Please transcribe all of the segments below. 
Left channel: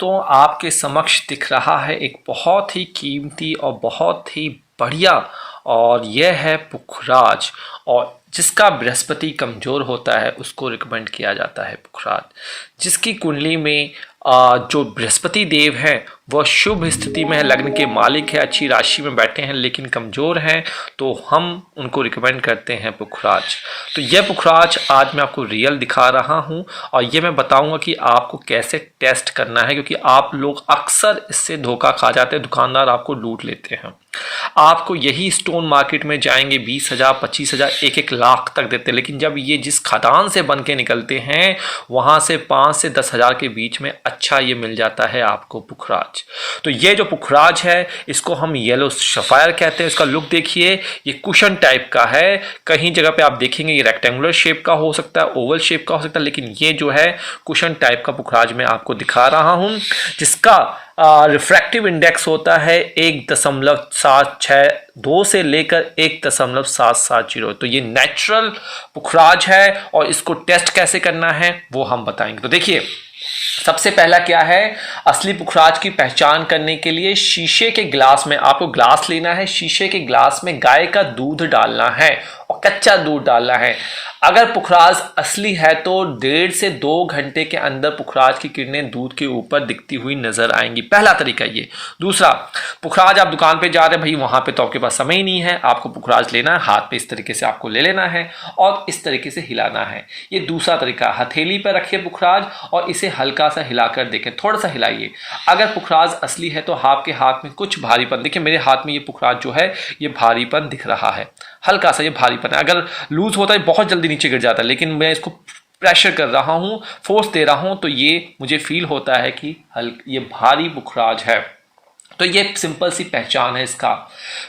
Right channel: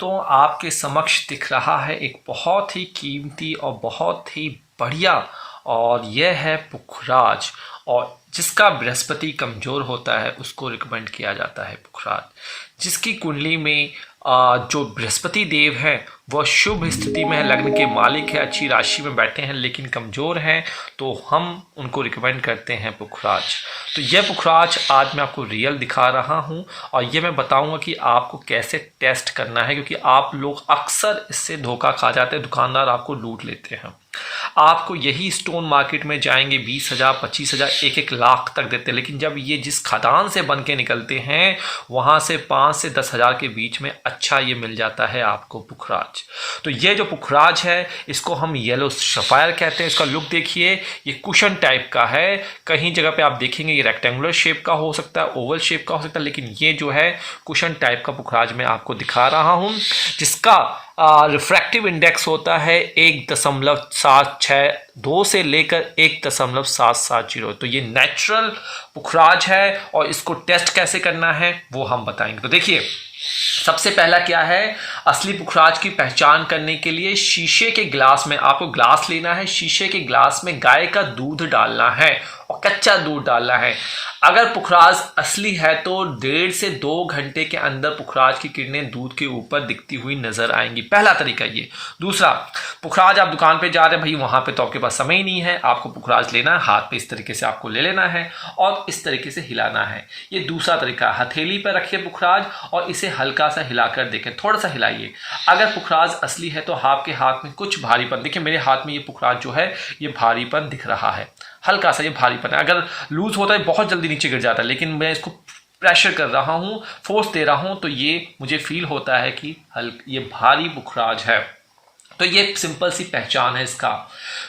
दोस्तों आपके समक्ष दिख रहा है एक बहुत ही कीमती और बहुत ही बढ़िया, और यह है पुखराज। और जिसका बृहस्पति कमज़ोर होता है उसको रिकमेंड किया जाता है पुखराज। जिसकी कुंडली में जो बृहस्पति देव हैं वह शुभ स्थिति में है, लग्न के मालिक है, अच्छी राशि में बैठे हैं लेकिन कमज़ोर हैं, तो हम उनको रिकमेंड करते हैं पुखराज। तो यह पुखराज आज मैं आपको रियल दिखा रहा हूं और ये मैं बताऊंगा कि आपको कैसे टेस्ट करना है, क्योंकि आप लोग अक्सर इससे धोखा खा जाते हैं, दुकानदार आपको लूट लेते हैं। आपको यही स्टोन मार्केट में जाएंगे 20,000, 25,000, 1-1 लाख तक देते हैं, लेकिन जब ये जिस खदान से बन के निकलते हैं वहाँ से 5 से 10,000 के बीच में अच्छा ये मिल जाता है आपको पुखराज। तो ये जो पुखराज है इसको हम येलो सफायर कहते हैं। इसका लुक देखिए, ये कुशन टाइप का है। कहीं जगह पे आप देखेंगे ये रेक्टेंगुलर शेप का हो सकता है, ओवल शेप का हो सकता है, लेकिन ये जो है कुशन टाइप का पुखराज मैं आपको दिखा रहा हूँ, जिसका रिफ्रैक्टिव इंडेक्स होता है 1.762 2 से लेकर 1.770। तो ये नेचुरल पुखराज है और इसको टेस्ट कैसे करना है वो हम बताएंगे। तो देखिए, सबसे पहला क्या है, असली पुखराज की पहचान करने के लिए शीशे के ग्लास में आपको ग्लास लेना है, शीशे के ग्लास में गाय का दूध डालना है और कच्चा दूध डालना है। अगर पुखराज असली है तो 1.5 से 2 घंटे के अंदर पुखराज की किरणें दूध के ऊपर दिखती हुई नजर आएंगी। पहला तरीका ये। दूसरा, पुखराज आप दुकान पे जा रहे हैं, भाई वहां पे तो आपके पास समय ही नहीं है, आपको पुखराज लेना है, हाथ पे इस तरीके से आपको ले लेना है और इस तरीके से हिलाना है। ये दूसरा तरीका। हथेली पर रखिए पुखराज और इसे हल्का सा हिलाकर देखें, थोड़ा सा हिलाइए। अगर पुखराज असली है तो आपके हाथ में कुछ भारीपन, देखिए मेरे हाथ में ये पुखराज जो है ये भारीपन दिख रहा है, हल्का सा ये भारीपन है। अगर लूज होता है बहुत जल्दी नीचे गिर जाता है, लेकिन मैं इसको प्रेशर कर रहा हूँ, फोर्स दे रहा हूँ, तो ये मुझे फील होता है कि ये भारी पुखराज है। तो ये सिंपल सी पहचान है इसका।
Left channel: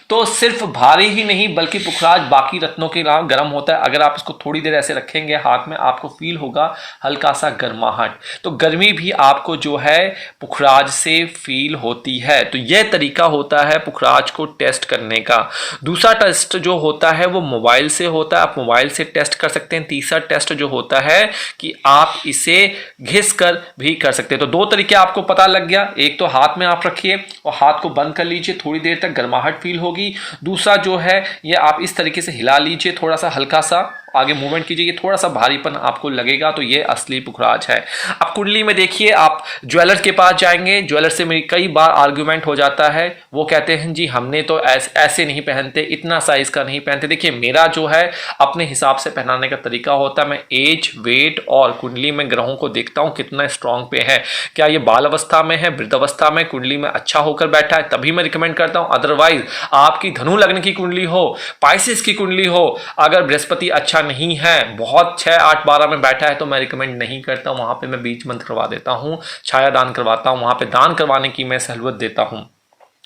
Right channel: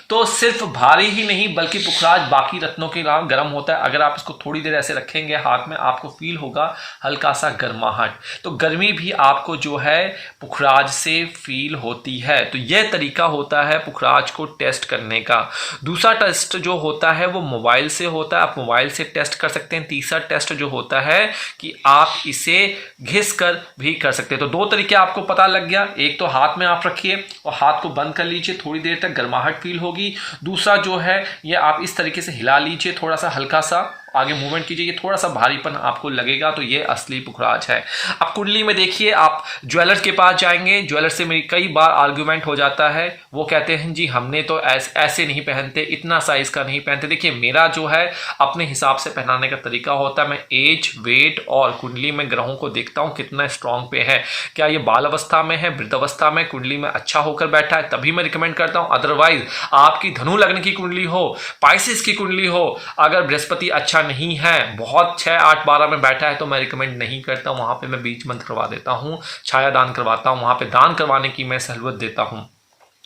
तो सिर्फ भारी ही नहीं बल्कि पुखराज बाकी रत्नों के अलावा गर्म होता है। अगर आप इसको थोड़ी देर ऐसे रखेंगे हाथ में, आपको फील होगा हल्का सा गर्माहट। तो गर्मी भी आपको जो है पुखराज से फील होती है। तो यह तरीका होता है पुखराज को टेस्ट करने का। दूसरा टेस्ट जो होता है वो मोबाइल से होता है, आप मोबाइल से टेस्ट कर सकते हैं। तीसरा टेस्ट जो होता है कि आप इसे घिस कर भी कर सकते हैं। तो 2 तरीके आपको पता लग गया। एक तो हाथ में आप रखिए और हाथ को बंद कर लीजिए, थोड़ी देर तक गर्माहट फील होगी। दूसरा जो है ये आप इस तरीके से हिला लीजिए, थोड़ा सा हल्का सा आगे मूवमेंट कीजिए, थोड़ा सा भारीपन आपको लगेगा, तो ये असली पुखराज है। अब कुंडली में देखिए, आप ज्वेलर के पास जाएंगे, ज्वेलर से मेरी कई बार आर्ग्यूमेंट हो जाता है, वो कहते हैं जी हमने तो ऐसे नहीं पहनते, इतना साइज का नहीं पहनते। देखिए मेरा जो है अपने हिसाब से पहनाने का तरीका होता है। मैं एज, वेट और कुंडली में ग्रहों को देखता हूँ कितना स्ट्रांग पे है, क्या ये बाल अवस्था में है, वृद्ध अवस्था में कुंडली में अच्छा होकर बैठा है, तभी मैं रिकमेंड करता हूँ। अदरवाइज आपकी धनु लग्न की कुंडली हो, पाइसिस की कुंडली हो, अगर बृहस्पति अच्छा नहीं है, बहुत 6, 8, 12 में बैठा है, तो मैं रिकमेंड नहीं करता। वहां पे मैं बीज मंत्र करवा देता हूं, छाया दान करवाता हूं, वहां पे दान करवाने की मैं सहूलियत देता हूं।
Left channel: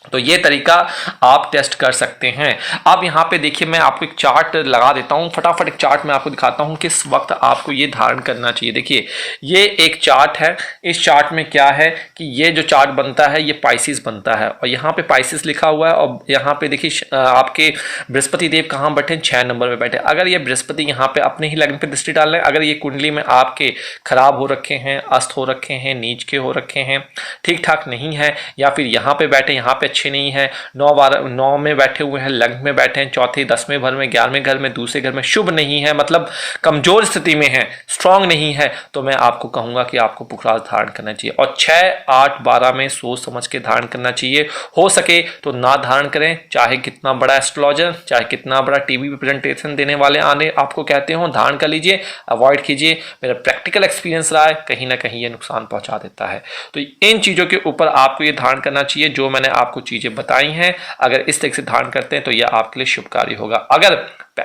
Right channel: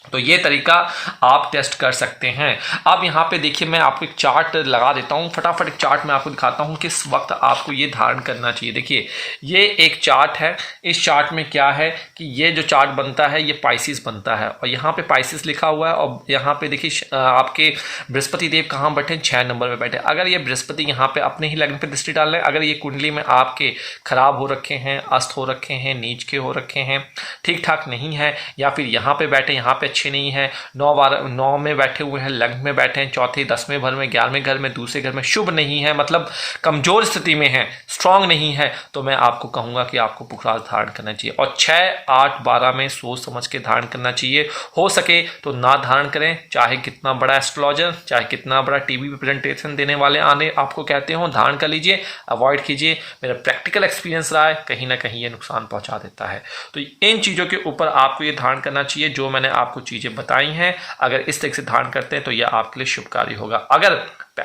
तो ये तरीका आप टेस्ट कर सकते हैं। अब यहाँ पे देखिए, मैं आपको एक चार्ट लगा देता हूँ, फटाफट एक चार्ट मैं आपको दिखाता हूँ किस वक्त आपको ये धारण करना चाहिए। देखिए ये एक चार्ट है, इस चार्ट में क्या है कि ये जो चार्ट बनता है ये पाइसिस बनता है और यहाँ पे पाइसिस लिखा हुआ है और यहाँ पे देखिए आपके बृहस्पति देव कहाँ बैठे, 6 नंबर में बैठे। अगर ये बृहस्पति यहाँ पे अपने ही लग्न पे दृष्टि डाल रहे हैं, अगर ये कुंडली में आपके खराब हो रखे हैं, अस्त हो रखे हैं, नीच के हो रखे हैं, ठीक ठाक नहीं है, या फिर यहाँ पे बैठे, यहाँ पे अच्छे नहीं है, 9 में बैठे हुए हैं, लग्न में बैठे हैं, चौथे 10वें घर में, 11वें घर में, दूसरे घर में शुभ नहीं है, मतलब कमजोर स्थिति में है, स्ट्रांग नहीं है, तो मैं आपको कहूंगा कि आपको पुखराज धारण करना चाहिए। और 6, 8, 12 में सोच समझ के धारण करना चाहिए। हो सके तो ना धारण करें, चाहे कितना बड़ा एस्ट्रोलॉजर, चाहे कितना बड़ा टीवी पे प्रेजेंटेशन देने वाले आने आपको कहते हो, धारण कर लीजिए, अवॉइड कीजिए। मेरा प्रैक्टिकल एक्सपीरियंस रहा है, कहीं ना कहीं ये नुकसान पहुंचा देता है। तो इन चीजों के ऊपर आपको ये धारण करना चाहिए जो मैंने आपको चीजें बताई हैं। अगर इस तरह से धारण करते हैं तो यह आपके लिए शुभकारी होगा। अगर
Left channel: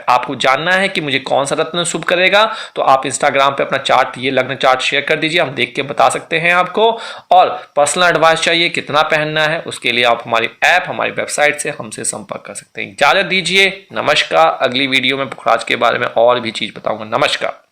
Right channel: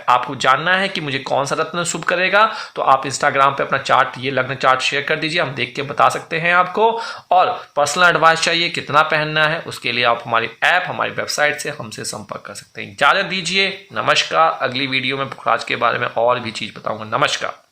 आपको जानना है कि मुझे कौन सा रत्न शुभ करेगा तो आप इंस्टाग्राम पे अपना चार्ट, ये लग्न चार्ट शेयर कर दीजिए, हम देख के बता सकते हैं आपको। और पर्सनल एडवाइस चाहिए कितना पहनना है, उसके लिए आप हमारी ऐप, हमारी वेबसाइट से हमसे संपर्क कर सकते हैं। इजाजत दीजिए, नमस्कार। अगली वीडियो में पुखराज के बारे में और भी चीज बताऊंगा। नमस्कार।